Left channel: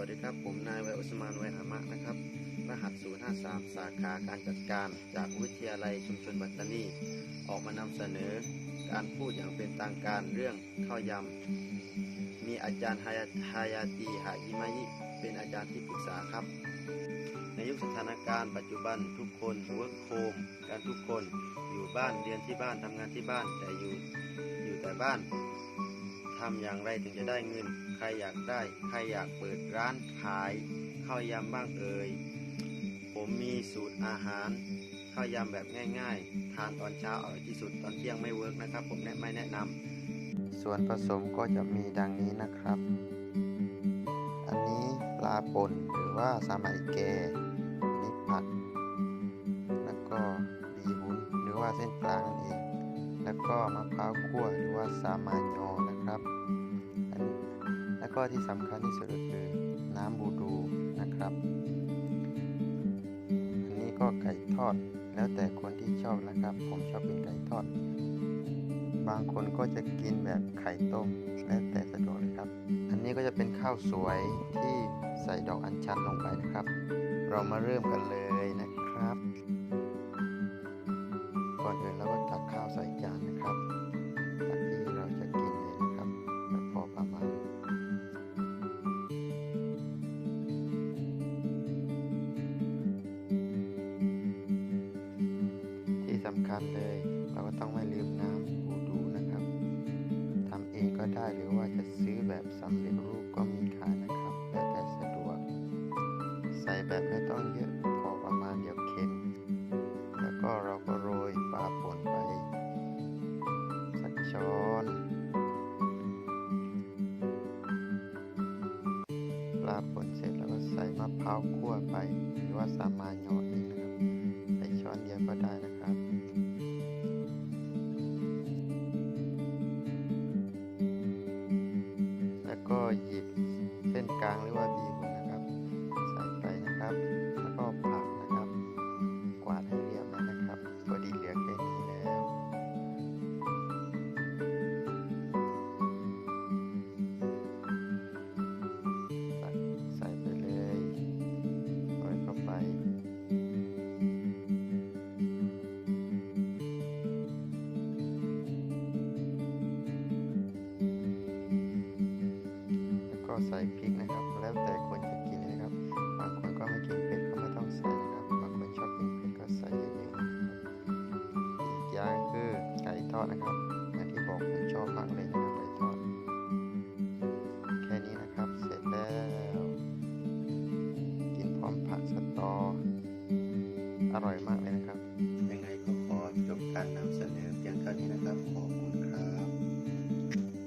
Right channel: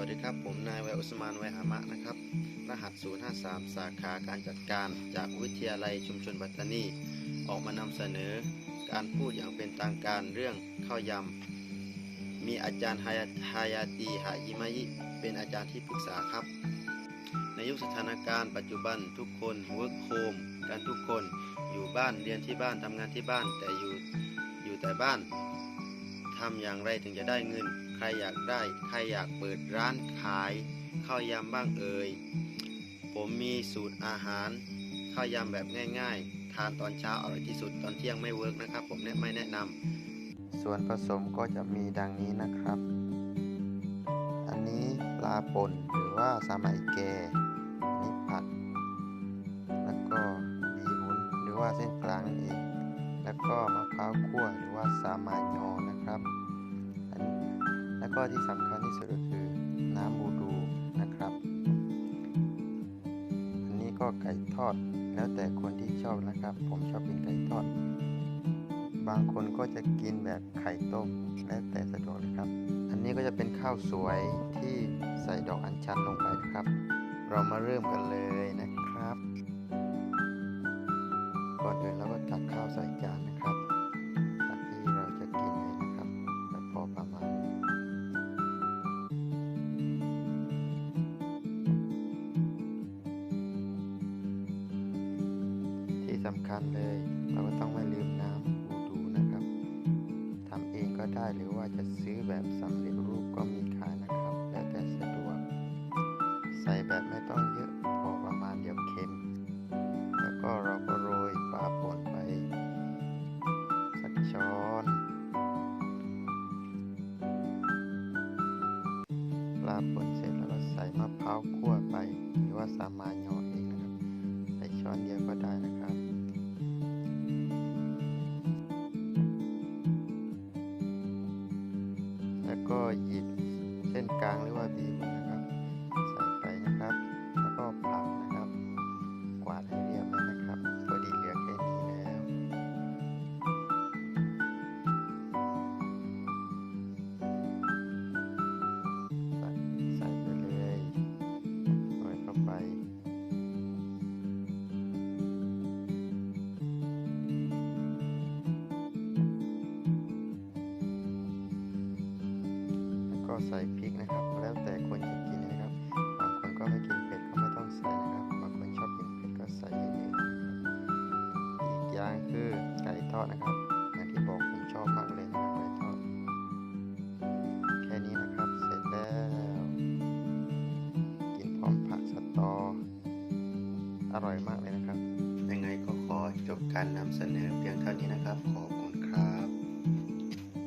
สวัสดีครับ ผมนายวัยอุสมานวัยหามะนะครับ รหัส 053 สาขาการจัดการจากวิทยาลัยชุมชนปัตตานี ออกมานำเสนอ การพูดอย่างเป็นทางการเรื่องข้าวยำ มีอาจารย์ฮายาายาตีหายิมายิ เป็นอาจารย์ที่ปรึกษาครับ ในยุคสถานการณ์ปัจจุบันทุกคน work home กันทุกคนอยู่บ้านเรียนที่บ้านทำงานที่บ้านแต่อยู่อยู่แต่บ้าน ทำอย่างไรถึงจะได้เงิน ใครอยากได้ ใครอยากเปิดร้านขายข้าวยำบ้างเอ่ย ผมมีสูตรอาหารข้าวยำแบบง่าย ๆ ทานตอนเช้าอร่อยที่สุดตอนเที่ยงไม่เวิร์กนะครับ ผมแนะไม่แนะนำส่วนผสมก็จะมีดังนี้นะครับ อันนี้ปลาป่นหรือว่าซามาอิเกอันนี้ผักแล้วก็บีหุนหรือว่าเส้นกลางนั่นเอง ก็มะพร้าวคั่วหรือว่าซามานโยนะครับอันแล้วก็ที่สำคัญที่สุดก็คือน้ำบูดูนะครับ อันนี้ก็ไก่ทอดแล้วแต่คนที่ชอบนะครับ ผมชอบกินไก่ทอด บางคนก็จะกินแบบไข่ต้มแล้วแต่สะดวกเลยครับ อันนี้ก็จะเป็นข้าวสวยที่ใส่ดอกอัญชันลงไปนะครับ เรามาเริ่มกันเลย ก่อนอื่นเราก็ตักข้าวใส่จานนะครับตักที่เราจะกินเลยนะครับแบบพอประมาณ ที่สำคัญเลยเราก็ต้องไม่ลืมน้ำบูดูนะครับทำเองก็ได้หรือว่าจะซื้อแบบสำเร็จรูปก็มีขายนะครับแล้วแต่สะดวก ใส่แบบไม่ต้องเยอะพอประมาณเดี๋ยวเค็ม ก็เราก็โรยปลาป่นไป สักช้อนปลาป่นเสร็จแล้วก็ใส่มะพร้าวคั่วไป หรือว่าสามานยอเองนะครับใส่ช้อนเดียวก็ได้นะครับแล้วก็หยิบเส้นกลางหรือว่าบีบุน ใส่พริกนะครับ แล้วแต่คนจะกินนะครับ บางคนก็ไม่กินเผ็ดก็ไม่ต้องใส่นะครับ บางคนชอบกินเผ็ดก็ใส่เยอะๆอีกอย่างคือไก่ทอดนะครับอย่างที่บอกผมชอบมากเลยนะครับไก่ทอด แค่นี้นะครับเสร็จแล้ว กินพร้อมผักสตอ อร่อยมากเลยนะครับ ยังไงก็ขอจบการนำเสนอเพียงเท่านี้นะครับขอ